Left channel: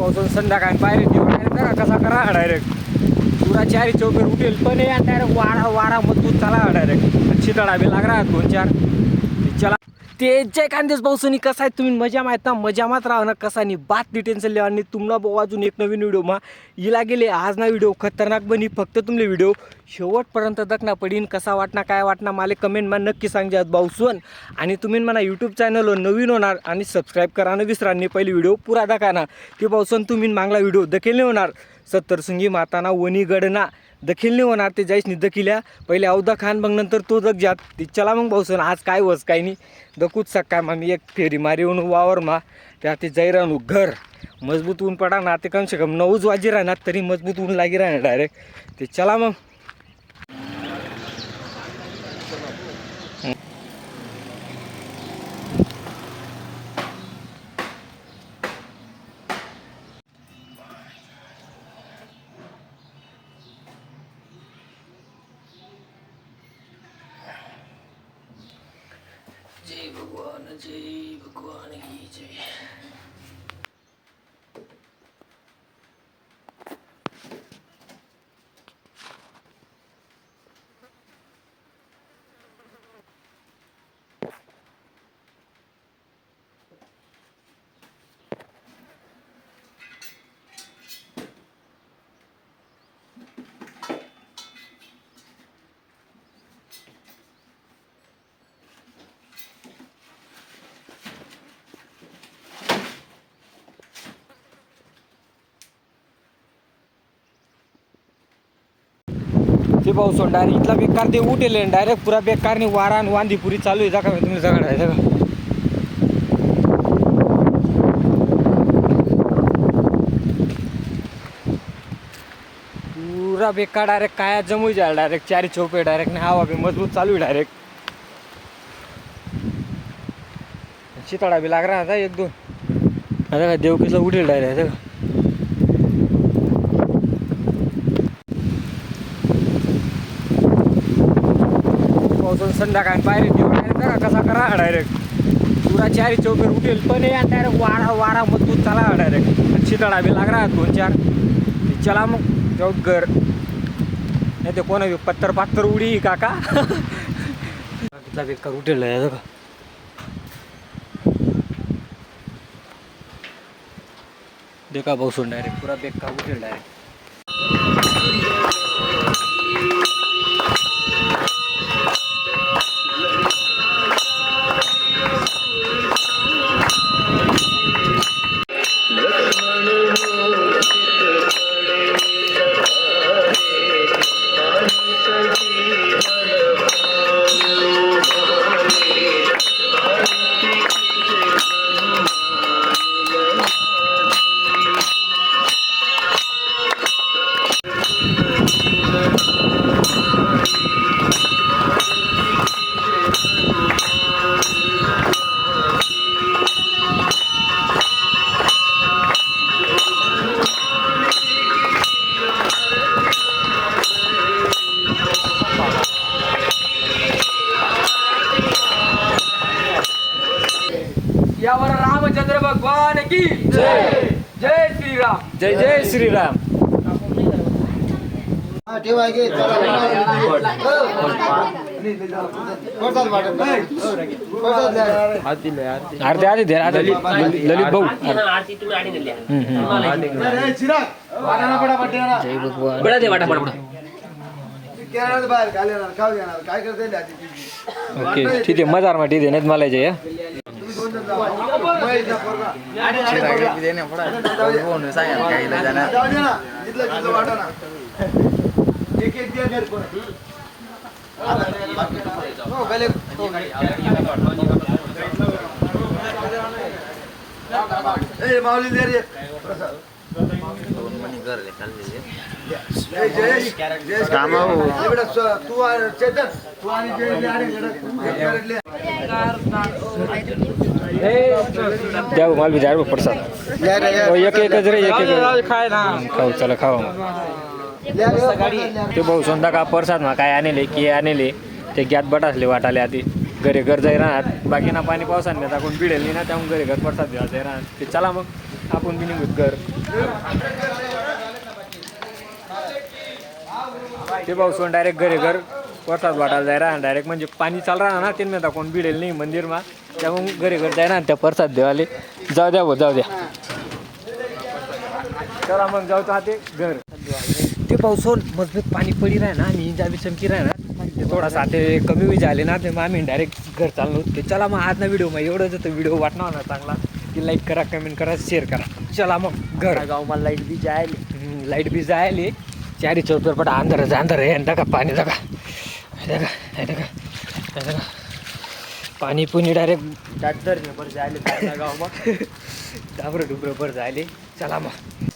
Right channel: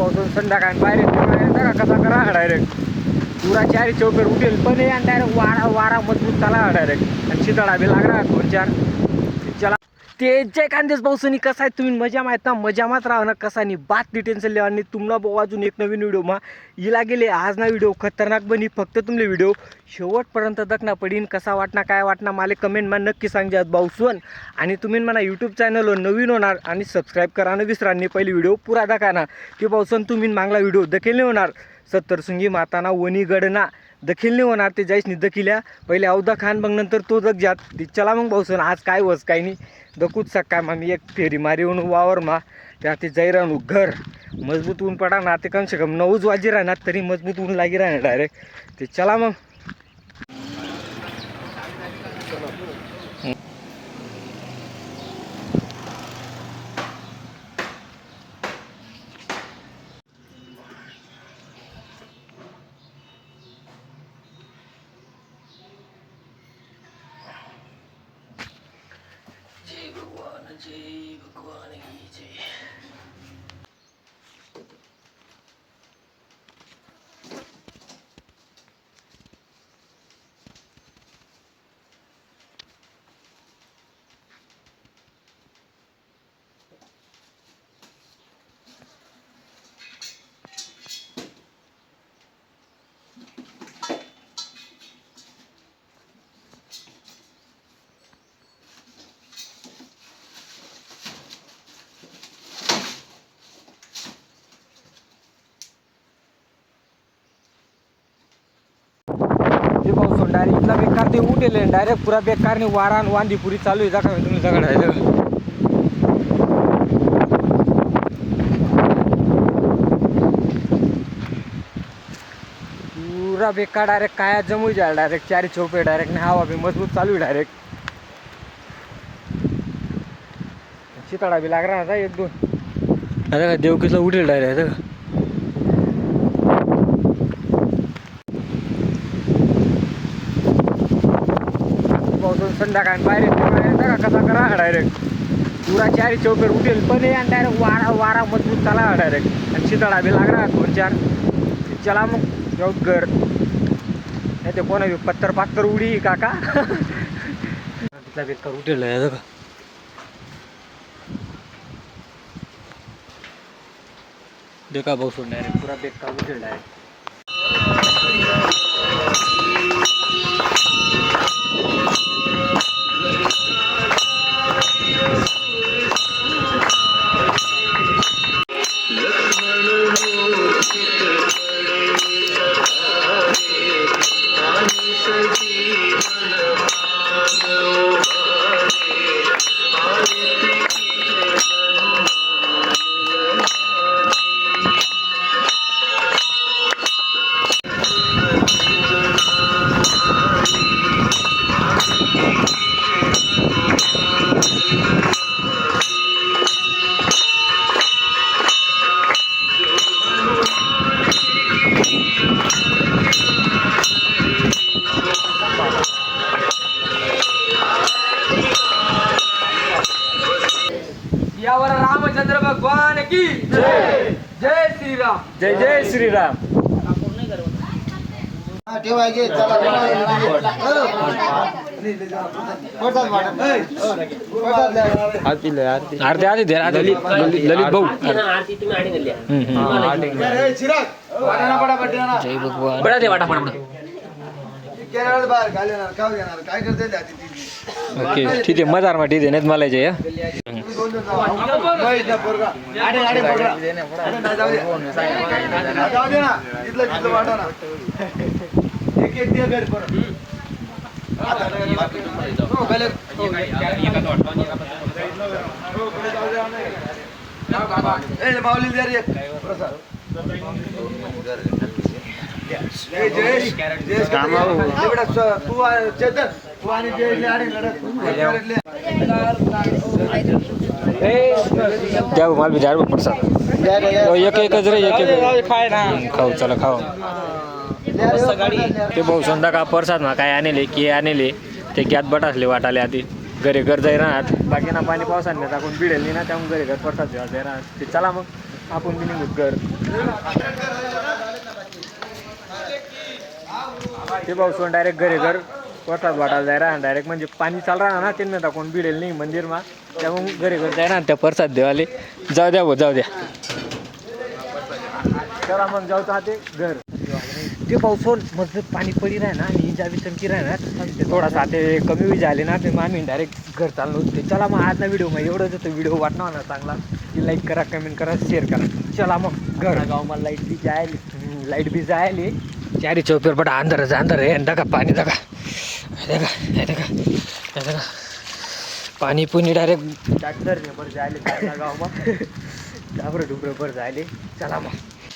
पावसाळून संध्याकाळी बाहेर कसा करा डायरेक्ट पुरा 4 चौकर उठेल पण आणि डायरेक्ट वारा मजबूत चाला डायरेक्ट आणि शीतळा बी लागला 2-4 चला ते जय कांदेच पावसानी कसा आहे तुम्ही मजा माहित ना मजा मात राहा ना कसा नाही बात नाही टेन्शन लिहा आणि तुम्हाला अजून एक नवीन व्हिडिओ मा इला गेले आज ना व्हिडिओ खतरनाक बनी फक्त तुमले व्हिडिओ शेवटपर्यंत दखना पडीन कसा वाटना काय वाटना मला कमेंटमा नक्की सांगजात भाऊसवन आणि तुम्ही म्हणा यूट्यूब चॅनलवर नवीन होणार आणि सबस्क्राईब करा न विसरा नाही पहिली व्हिडिओ पुरा दाखवा ते भाऊसवन तुम्ही मागला व्हिडिओ दखील नाही होणार 70 सुंगी माताना वनी गडना दखील नाही होणार ते जाईस नाही दखिल्या पहिले अवधा खान मग नंतर तो दख जात ती चला मग भाऊसवन आज काय वस काय नाही दकूच सकाळ मग मी एक फेरी मारी येऊन वावर मा त्या ते जाई राहू घर मजबूत ऊन पडा ना ते कम से कम 9 वाजी राहणार तरी मजबूत ऊन लागी राहणार डायरेक्ट ते चला मग जय भगवान की जय ते पाऊस डायरेक्ट इथला बेकार ते उठेल डायरेक्ट पुरा बेकारने वारा आणि वांदी पुरी चालू आहे का तुम्ही सगळं आहे पुरा बेकार डायरेक्ट काय जमू जाईल डायरेक्ट 4 चौपे डायरेक्ट नाही हवा बी मजबूत चालू आहे डायरेक्ट शिताळा बी लाग रहा था 1-2 आता देवकीला उठेल डायरेक्ट पावसाळून संध्याकाळी बाहेर कसा करा डायरेक्ट पुरा 4 चौकर उठेल पण आणि डायरेक्ट वारा मजबूत चाला डायरेक्ट आणि शीतळा बी लागला 2-4 चला मग जाऊ घर नाही ते कोणा पत्तर उडी काका तिथला बेकार उठेल का देखा पावसाळून डायरेक्ट पुरा बेकार उठेल डायरेक्ट यावर रामचंद्र भगवान की जय जय श्रीराम जय जय श्रीराम आरती ललित भाऊ जय भगवान बडा दे वाटा ओके ठीक आहे मजार मा ठीक आहे नाही मला जे द्या मला बी द्या प्रसाद एक एकच रे एक खाऊ चला खाऊ ते भाऊ संध्याकाळ प्रसाद मा काय आणले की आणले ते गॅत बटासले वाटाले आधी घरी घर जाई राहत बाकी ना पाणी पावसाने टाकून बिडेल नाही ना त्यामुळे घरी घर प्रसाद जाई राहत ते चला मग आपण बी निघूत घर ते पावसून डायरेक्ट घरी घर प्रसाद वाटायला जायला डायरेक्ट म्हणजे पाणी चाल राहणार ना त्यांना कोण भिडेल नाही मंदिरमा त्यामुळे घरी घर जाय ना त्या प्रसाद देवाले जाऊ द्या जाऊ द्या चला मग जाऊ तर ते घर ते पावसून मजबूत पाणी पडी राह ना मी जावी चमकी राह ना ते थोडासा ते कमी वेळ झाले ना ते मग आम्ही डायरेक्ट घर चाललो होते चला मग आज ना व्हिडिओ मग एवढंच होतं व्हिडिओ वाटणार ना चांगला की लाईक करा कमेंट करा शेअर करा चला मग घर गाव मला लाईट बी जायले चारी चौपर पट अंदर है का पाणी का पाणी पुणी डायरेक्ट ट्रॅक्टर पर जायले गाव मग डाबर डुबर पर जायले चला मग